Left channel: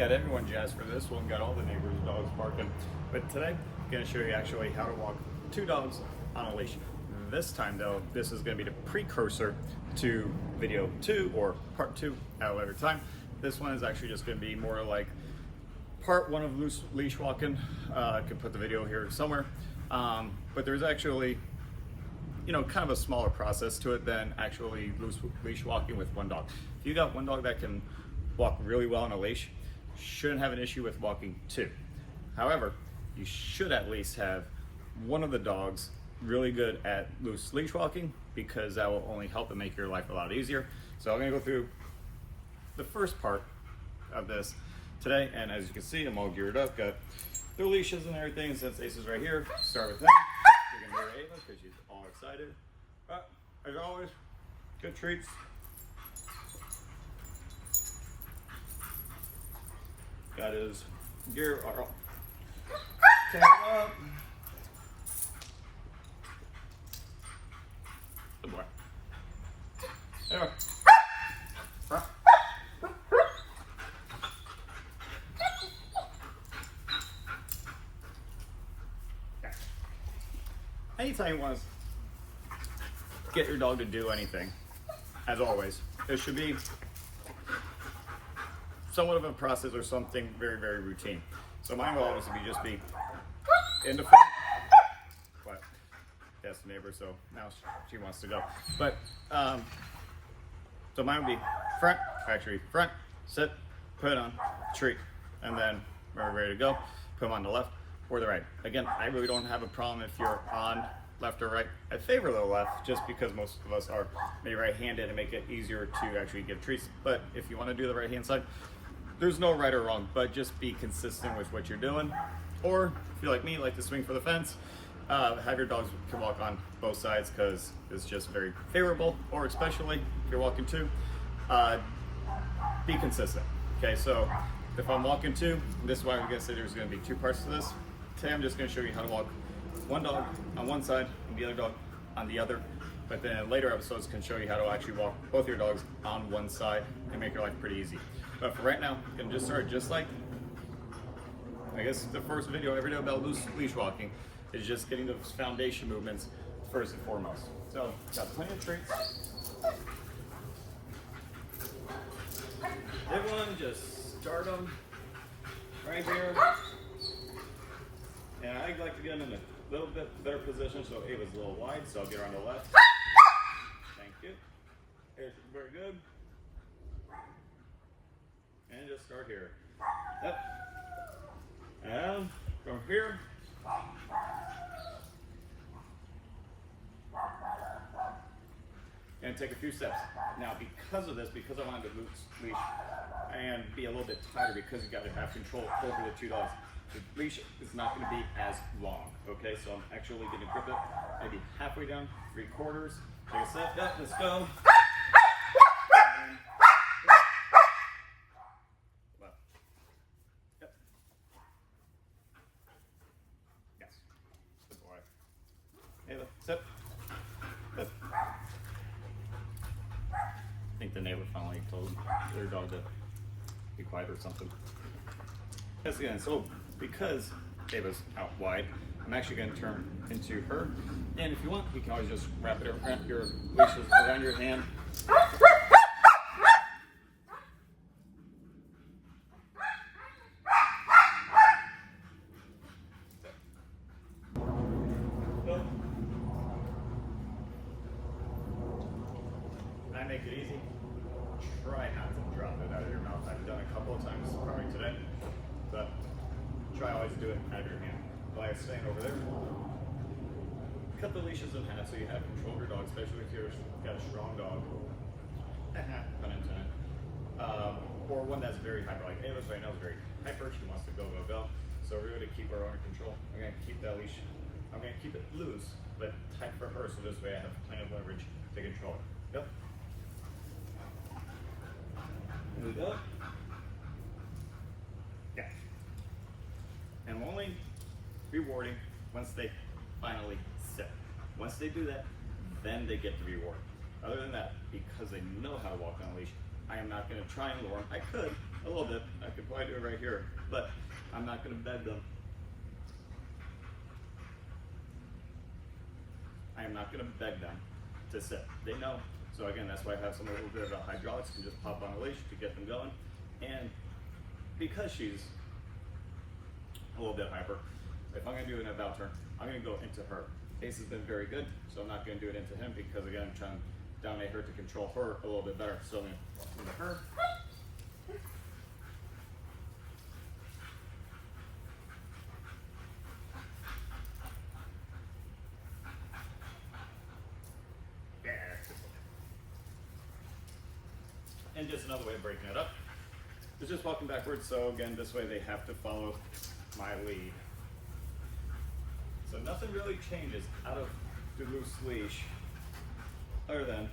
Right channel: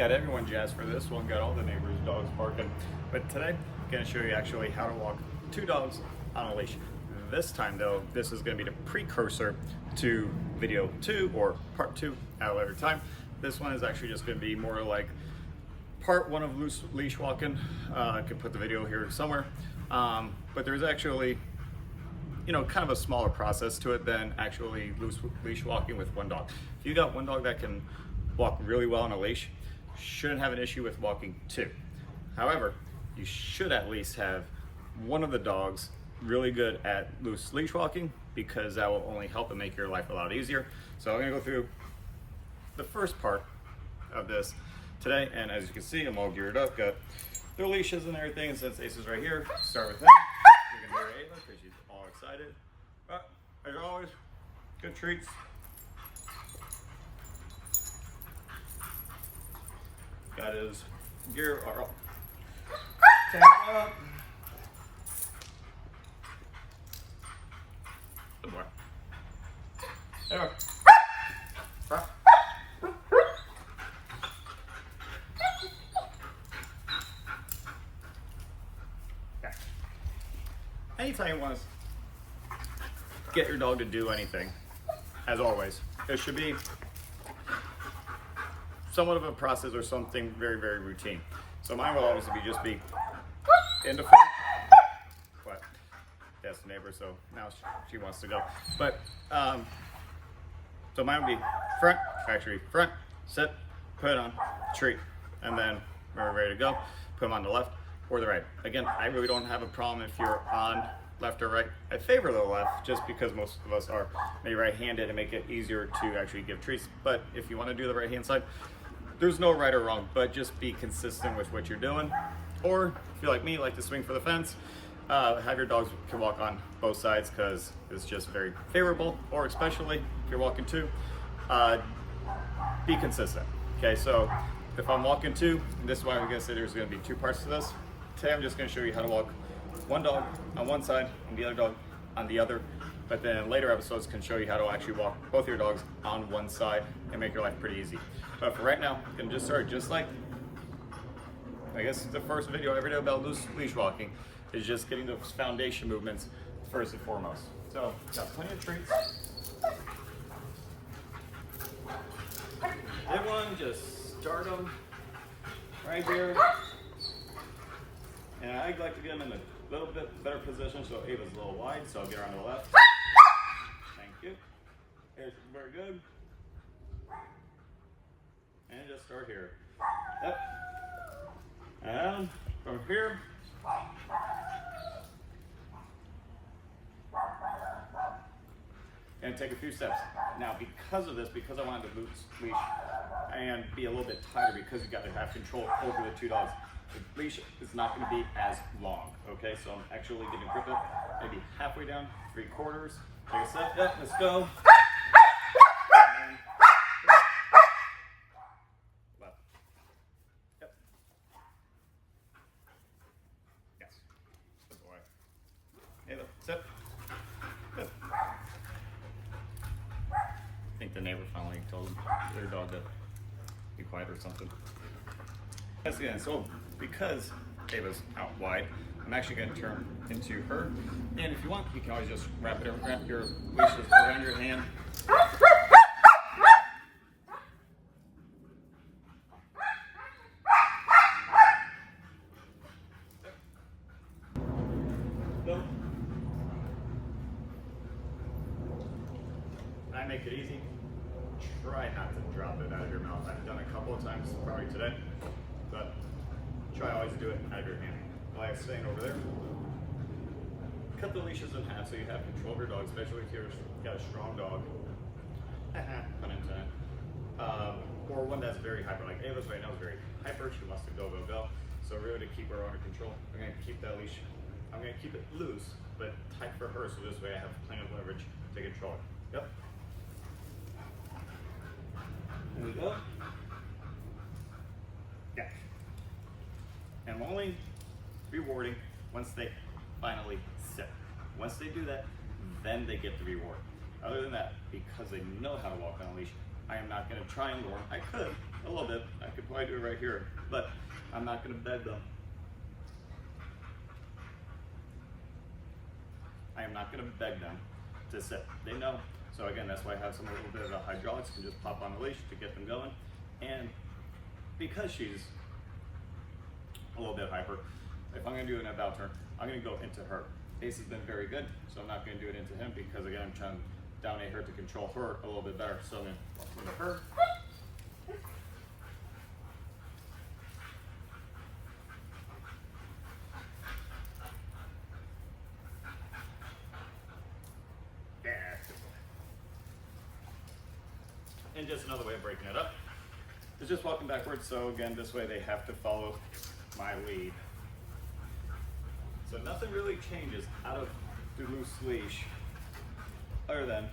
Got everyone jazzed for this one, got all the neighbors' dogs barking. But today, I'm gonna show you actually how to walk two dogs on a leash. This time though, this is gonna be the precursor to video 2 or part 2 at a later time. This one is actually just gonna be more like part 1 of loose leash walking. I could put the video here somewhere. But there's actually, kind of a smaller process to it than actually loose leash walking with one dog. If you got one dog that can walk really well on a leash, shouldn't have an issue with walking two. However, you should at least have one of the dogs really good at loose leash walking, because that will only help and make your life a lot easier. So I'm gonna go through the first part of this today, and as you can see, I'm all geared up, got their leashes and everything, and since Ace is right here, start with them. You're gonna hear Ava because she's all excited. But as always, good treats. Got his gear, tag it up. Good boy. Anyway. Huh? Yeah. Anytime you want to get your dog to do anything, as always, it should be somewhat of a process or something very, very routine. So mine will obviously just be in the front, but that's the neighbor, so now she wants to go. But so mine would be front, sit, put it on, treat, and then when we're ready to go, put them on the left or the right. Again, I really don't have a problem if you're on left or right. I favor the left just because most of us are maybe right-handed and make it easier to actually give treats. But if you want to do the right-hand side, there's no right or wrong, but just be consistent with what you're doing. Or if you're like me, like to swing for the fence, have your dogs can walk on both sides because it's just very favorable. Or especially if you're walking two, be consistent. Okay, so if I'm walking two, and this is why I'm gonna say there's gonna be two parts to this. Today I'm just gonna show you how to walk one dog on one side and the other dog on the other. But then later episodes can show you how to actually walk both your dogs on one side and make your life pretty easy. But for right now, I'm gonna just start just like, I guess the first video I ever did about loose leash walking is just getting those foundation movements first and foremost. So, got plenty of treats. Everyone just start them right here. And I like to get them in a little bit better position, so Ava's a little wide, so I'll get her on the left. Thank you. Here's very good. And just start here. Up. And from here. And take a few steps. Now, because of this, because I wanted to loose leash and be a little bit tighter, because you got to have control over the two dogs, the leash is not going to be as long. Okay, so I'm actually going to grip it maybe halfway down, 3/4. Take a step. Yep, let's go. Left. Yep. Yes. Good boy. Ava, sit. Good. I think the neighbor finally told their dog to be quiet or something. Yes, again, so because Ava's out wide, I'm actually going to turn into her. And if you want, you can always just wrap your leashes around your hand. I make it easy. Try not to drop it out of your mouth. I've done it a couple of times, probably today, but try always to do it out of your hand. Like I was saying over there, cut the leashes in half so you have control of your dog, especially if you've got a strong dog, pun intended, or one that's very hyper. Like Ava's right now is very hyper. She wants to go, go, go. So really to keep her under control, I'm going to keep that leash, I'm going to keep it loose, but tight for her, so this way I have plenty of leverage to control it. Yep. There we go. Yeah. And only rewarding once they finally sit. Once they do that, then they get the reward. Other than that, because they know how to walk on a leash, I am not going to try and lure them. I could, a little bit. I could probably do it right here, but I'm not going to beg them. I am not going to beg them to sit. They know. So again, that's why I have some a little bit of the hydraulics, can just pop on the leash to get them going. And because she's a little bit hyper, if I'm going to do an about turn, I'm going to go into her. Ace has been very good, so I'm not going to do it into him because again, I'm trying to dominate her to control her a little bit better. So I'm going to walk into her. And just another way of breaking it up is just walking backwards. So again, this way they have to follow my lead. So nothing really changes out of the loose leash other than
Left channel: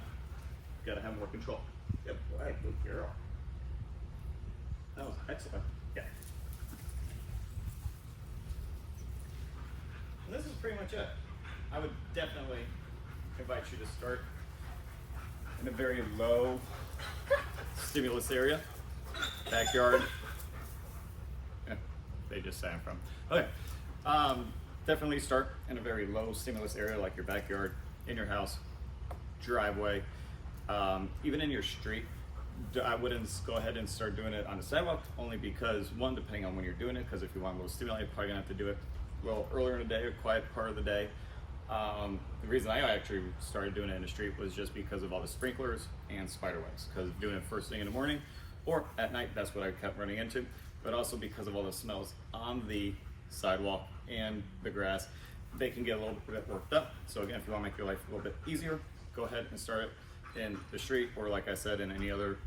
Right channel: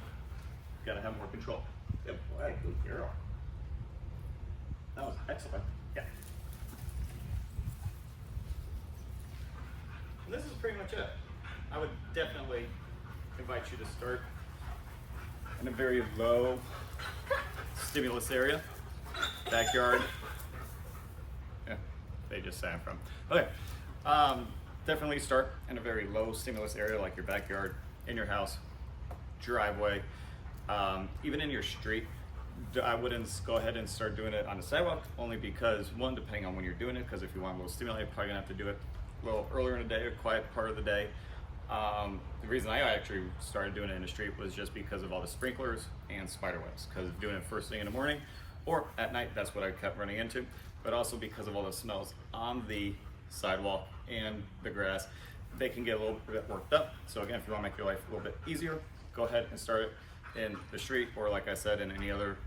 gotta have more control. Good boy, good girl. That was excellent. Yeah. And this is pretty much it. I would definitely invite you to start in a very low stimulus area, backyard. Yeah, they just sang from. Okay, definitely start in a very low stimulus area like your backyard, in your house, driveway, even in your street. I wouldn't go ahead and start doing it on the sidewalk, only because one, depending on when you're doing it, because if you want a little stimuli, you're probably gonna have to do it a little earlier in the day or quiet part of the day. The reason I actually started doing it in the street was just because of all the sprinklers and spider webs, because doing it first thing in the morning or at night, that's what I kept running into, but also because of all the smells on the sidewalk and the grass, they can get a little bit worked up. So again, if you want to make your life a little bit easier, go ahead and start it in the street, or like I said, in any other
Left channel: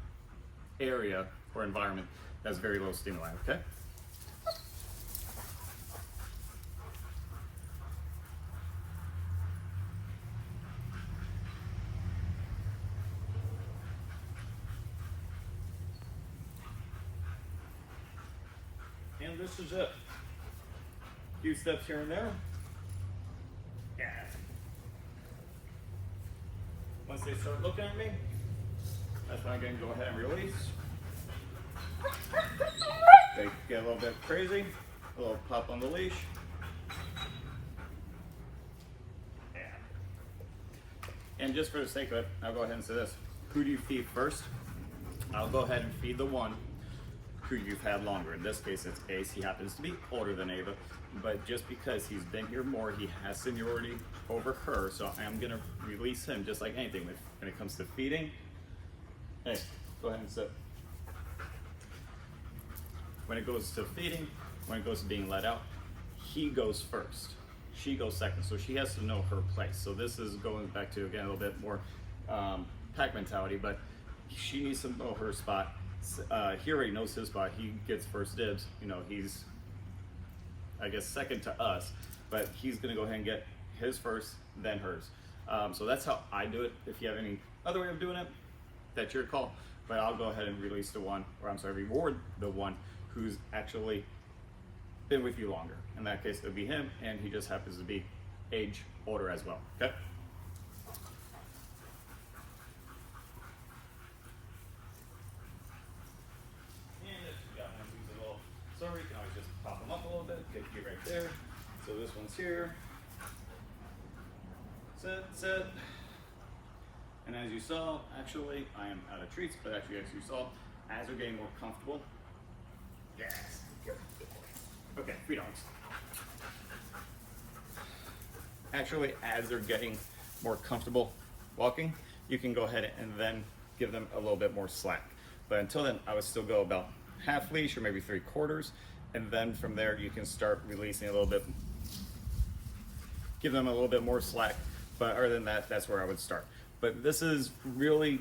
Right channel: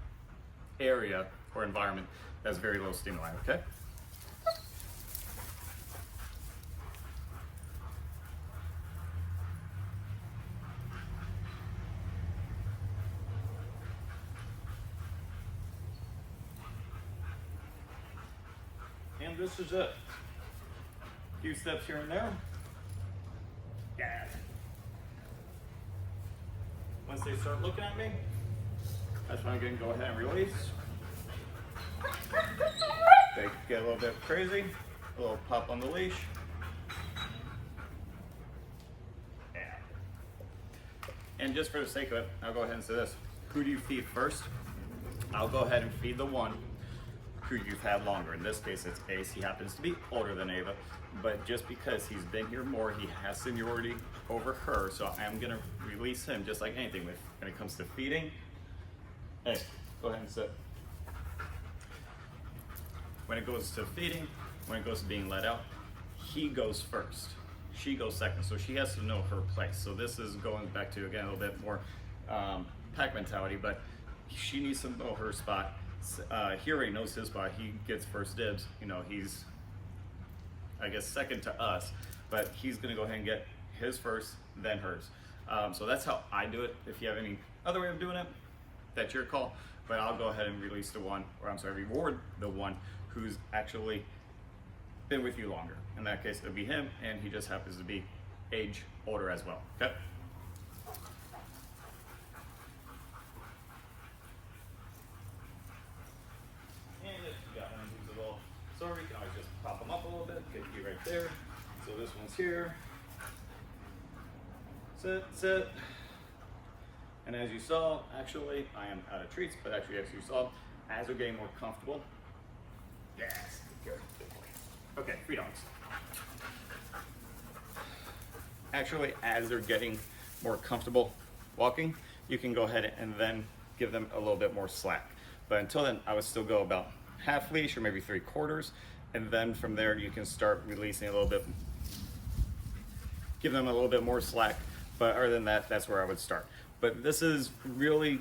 area or environment that's very low stimuli, okay? And this is it. A few steps here and there. Yeah. Once they start looking at me, that's when I'm going to go ahead and release. They get a little bit crazy, a little pop on the leash. Yeah. And just for the sake of it, I'll go ahead and say this. Who do you feed first? I'll go ahead and feed the one who you've had longer. In this case, it's Ace. He happens to be older than Ava, but just because he's been here more, he has seniority over her, so I'm gonna release him just like anything. When it comes to feeding, hey, go ahead and sit. When it goes to feeding, when it goes to being let out, he goes first. She goes second, so she has to know her place. So this is going back to, again, a little bit more pack mentality, but she needs to know her spot. He already knows his spot. He gets first dibs. You know, he's, I guess, second to us, but he's gonna go ahead and get his first, then hers. So that's how I do it. If you have any other way of doing it, that's your call, but I'll go ahead and release the one, or I'm sorry, reward the one who's actually been with you longer. In that case, it'll be him, and he just happens to be age older as well, okay? So you can always just pop them up a little bit, get you right there. So this one's here. Sit, sit. And as you saw, actually, I am out of treats, but actually, as you saw, as they're getting more comfortable, yes, good boy. Okay, 3 dogs. Actually, as they're getting more comfortable walking, you can go ahead and then give them a little bit more slack. But until then, I would still go about half leash or maybe 3/4, and then from there you can start releasing a little bit, give them a little bit more slack. But other than that, that's where I would start. But this is really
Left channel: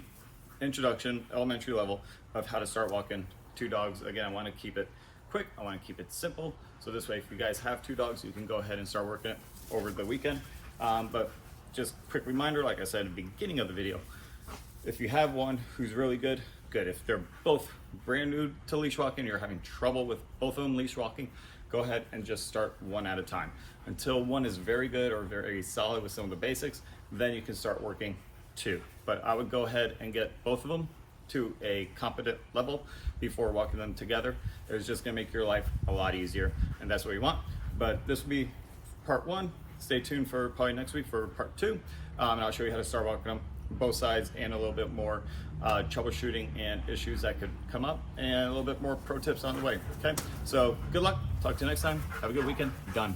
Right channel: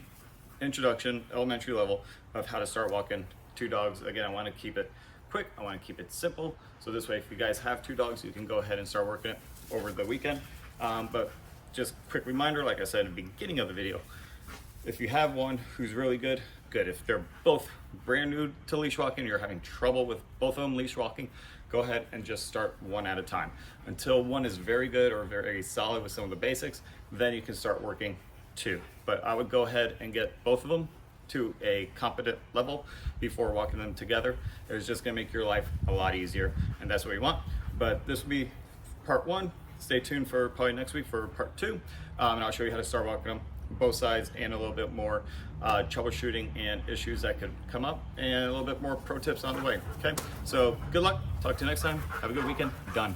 introduction, elementary level of how to start walking 2 dogs. Again, I want to keep it quick, I want to keep it simple, so this way if you guys have 2 dogs, you can go ahead and start working it over the weekend. But just quick reminder, like I said at the beginning of the video, if you have one who's really good. If they're both brand new to leash walking, you're having trouble with both of them leash walking, go ahead and just start one at a time. Until one is very good or very solid with some of the basics, then you can start working 2. But I would go ahead and get both of them to a competent level before walking them together. It's just gonna make your life a lot easier, and that's what we want. But this will be part one. Stay tuned for probably next week for part two, and I'll show you how to start walking them both sides and a little bit more troubleshooting and issues that could come up, and a little bit more pro tips on the way. Okay, so good luck. Talk to you next time. Have a good weekend. Done.